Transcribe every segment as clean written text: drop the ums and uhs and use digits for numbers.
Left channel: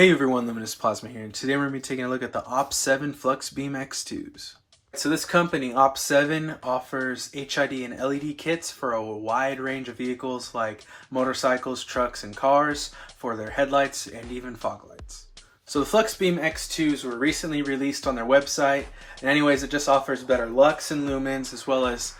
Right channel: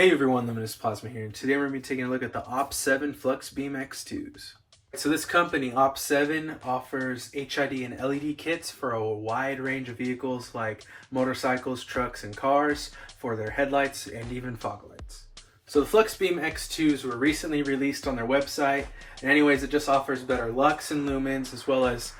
Hey everyone, Luminous Plasma here, and today we're going to be taking a look at the OPT7 FluxBeam X2s. So this company, OPT7, offers HID and LED kits for a wide range of vehicles like motorcycles, trucks, and cars for their headlights and even fog lights. So the FluxBeam X2s were recently released on their website, and anyways, it just offers better lux and lumens as well as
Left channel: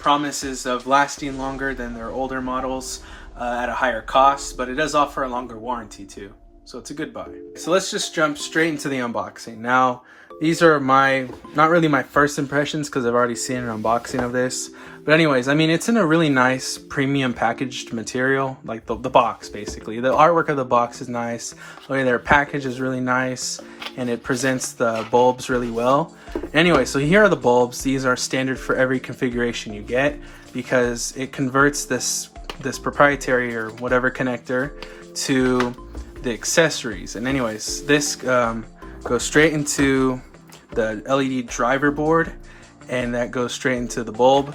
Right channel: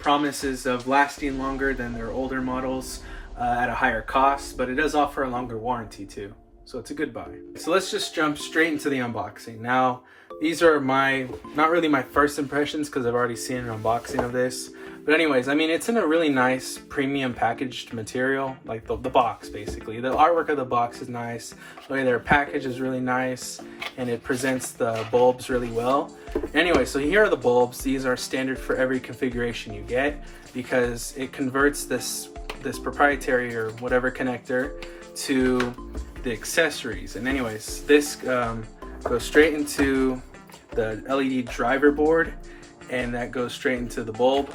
promises of lasting longer than their older models at a higher cost, but it does offer a longer warranty too. So it's a good buy. So let's just jump straight into the unboxing. Now, these are not really my first impressions because I've already seen an unboxing of this. But anyways, I mean, it's in a really nice premium packaged material, like the box basically. The artwork of the box is nice. The way they're packaged is really nice, and it presents the bulbs really well. Anyway, so here are the bulbs. These are standard for every configuration you get because it converts this proprietary or whatever connector to the accessories. And anyways, this goes straight into the LED driver board, and that goes straight into the bulb.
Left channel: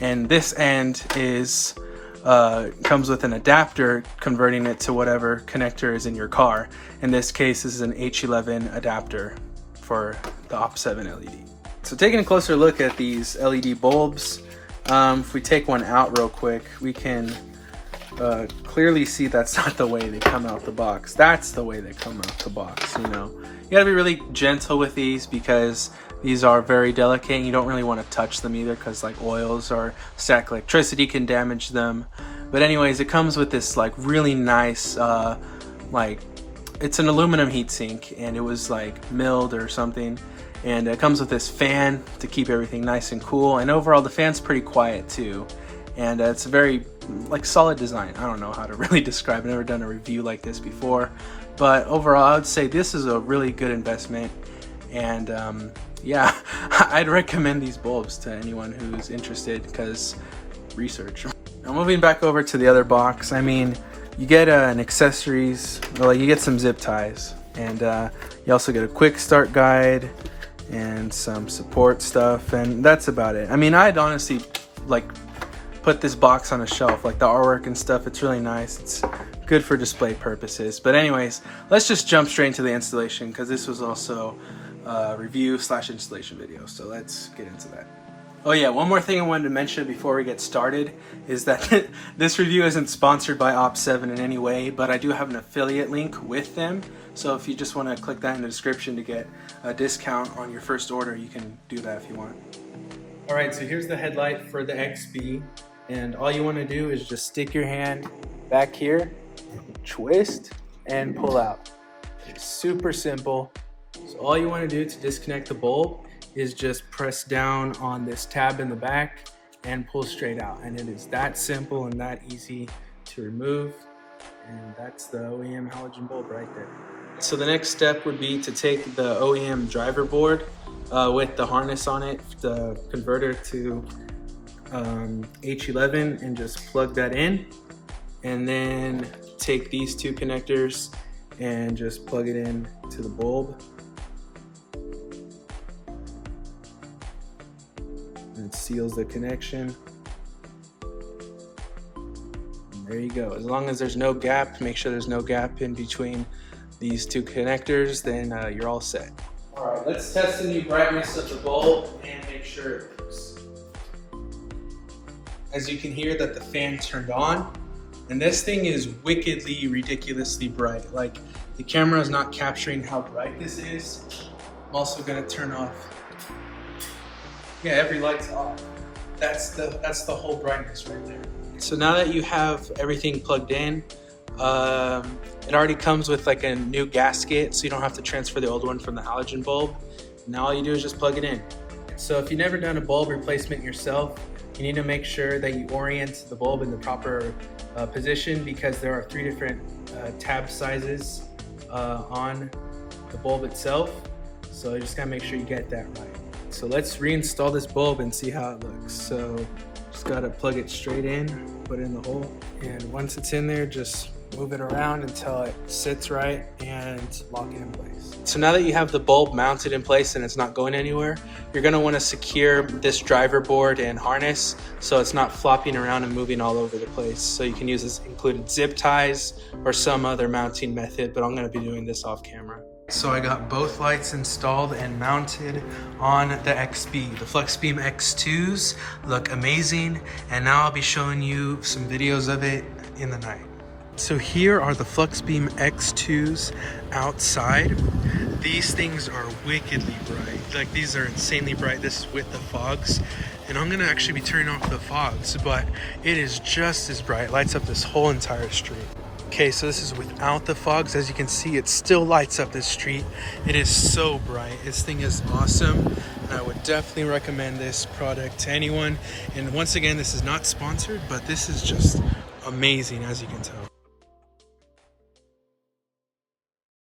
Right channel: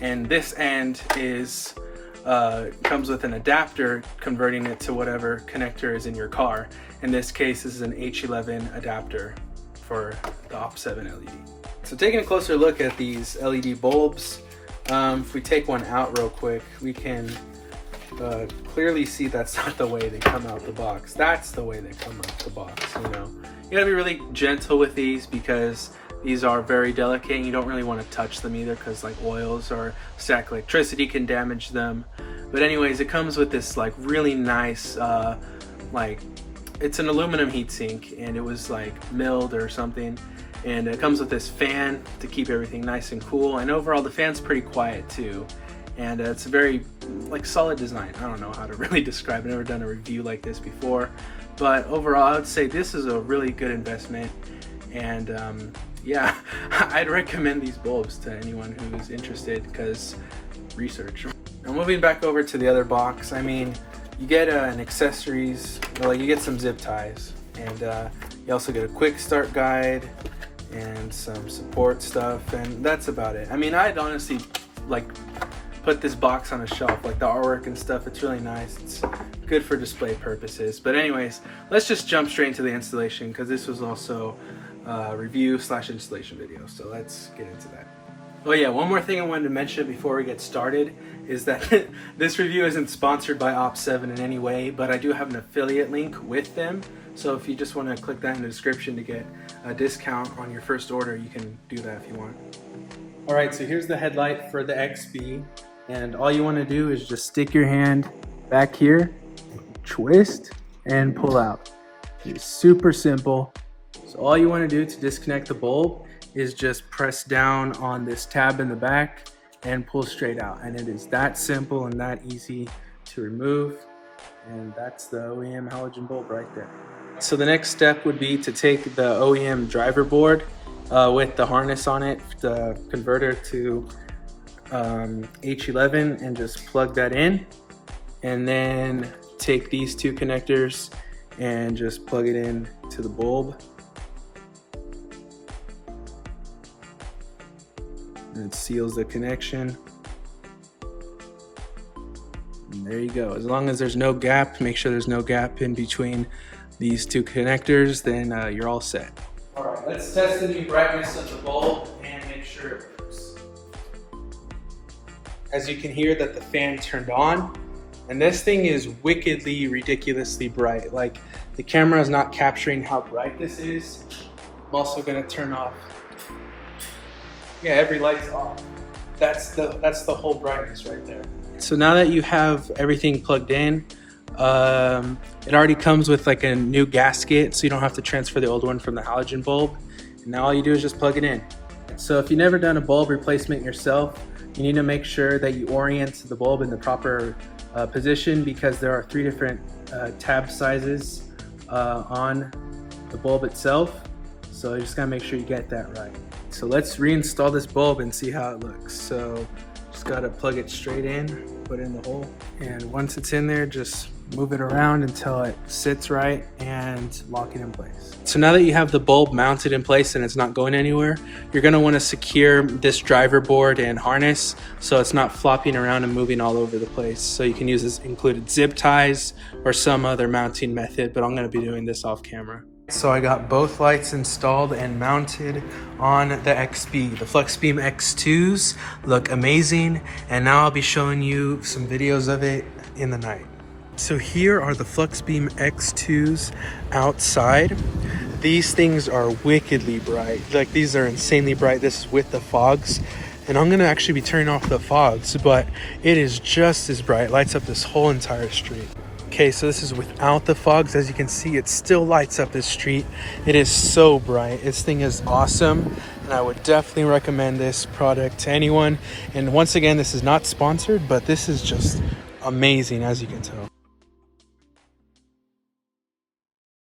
And this end is comes with an adapter converting it to whatever connector is in your car. In this case, this is an H11 adapter for the OPT7 LED. So taking a closer look at these LED bulbs, if we take one out real quick, we can clearly see that's not the way they come out the box. That's the way they come out the box, you know. You gotta be really gentle with these because these are very delicate and you don't really want to touch them either because like oils or static electricity can damage them. But anyways, it comes with this like really nice it's an aluminum heatsink, and it was like milled or something, and it comes with this fan to keep everything nice and cool, and overall the fan's pretty quiet too. And it's a very solid design. I don't know how to really describe it. I've never done a review like this before, but overall I would say this is a really good investment. And yeah, I'd recommend these bulbs to anyone who's interested because research. Now moving back over to the other box, I mean, you get an accessories, you get some zip ties, and you also get a quick start guide and some support stuff, and that's about it. I mean, I'd honestly put this box on a shelf, like the artwork and stuff. It's really nice. It's good for display purposes. But anyways, let's just jump straight into the installation because this was also a review/installation video. So let's get into that. Oh yeah, one more thing I wanted to mention before we get started is that this review isn't sponsored by OPT7 in any way, but I do have an affiliate link with them. So if you just want to click that in the description to get a discount on your first order, you can do that if you want. All right, so here's the headlight for the XB. And all you want to do is just stick your hand back here, twist, and pull out. It's super simple. So all you want to do to disconnect the bulb is just press down on this tab in the back and pull straight out. And it is that simple and that easy to remove. And that's the OEM halogen bulb right there. So the next step would be to take the OEM driver board with the harness on it, the converter to H11, and just plug that in, and then take these two connectors and just plug it in to the bulb, and it seals the connection, and there you go. As long as there's no gap, make sure there's no gap in between these two connectors, then you're all set. All right, let's test the new brightness of the bulb and make sure it works. As you can hear that the fan turned on, and this thing is wickedly, ridiculously bright. Like, the camera is not capturing how bright this is. I'm also gonna turn off. Yeah, every light's off. That's the whole brightness right there. So now that you have everything plugged in, it already comes with like a new gasket, so you don't have to transfer the old one from the halogen bulb. And now all you do is just plug it in. So if you've never done a bulb replacement yourself, you need to make sure that you orient the bulb in the proper position because there are 3 different tab sizes on the bulb itself. So you just gotta make sure you get that right. So let's reinstall this bulb and see how it looks. So just gotta plug it straight in, put it in the hole, and once it's in there, just move it around until it sits right, and and lock it in place. So now that you have the bulb mounted in place and it's not going anywhere, you're going to want to secure this driver board and harness so it's not flopping around and moving all over the place. So you can use this included zip ties or some other mounting method, but I'm going to be doing this off camera. So I got both lights installed and mounted on the XB. The FluxBeam X2s look amazing, and now I'll be showing you some videos of it in the night. So here are the FluxBeam X2s outside. These things are wickedly bright. Like, these are insanely bright. This is with the fogs. And I'm gonna actually be turning off the fogs, but it is just as bright. It lights up this whole entire street. Okay, so this is without the fogs. As you can see, it still lights up this street. It is so bright. This thing is awesome, and I would definitely recommend this product to anyone. And once again, this is not sponsored, but this is just amazing, as you can tell.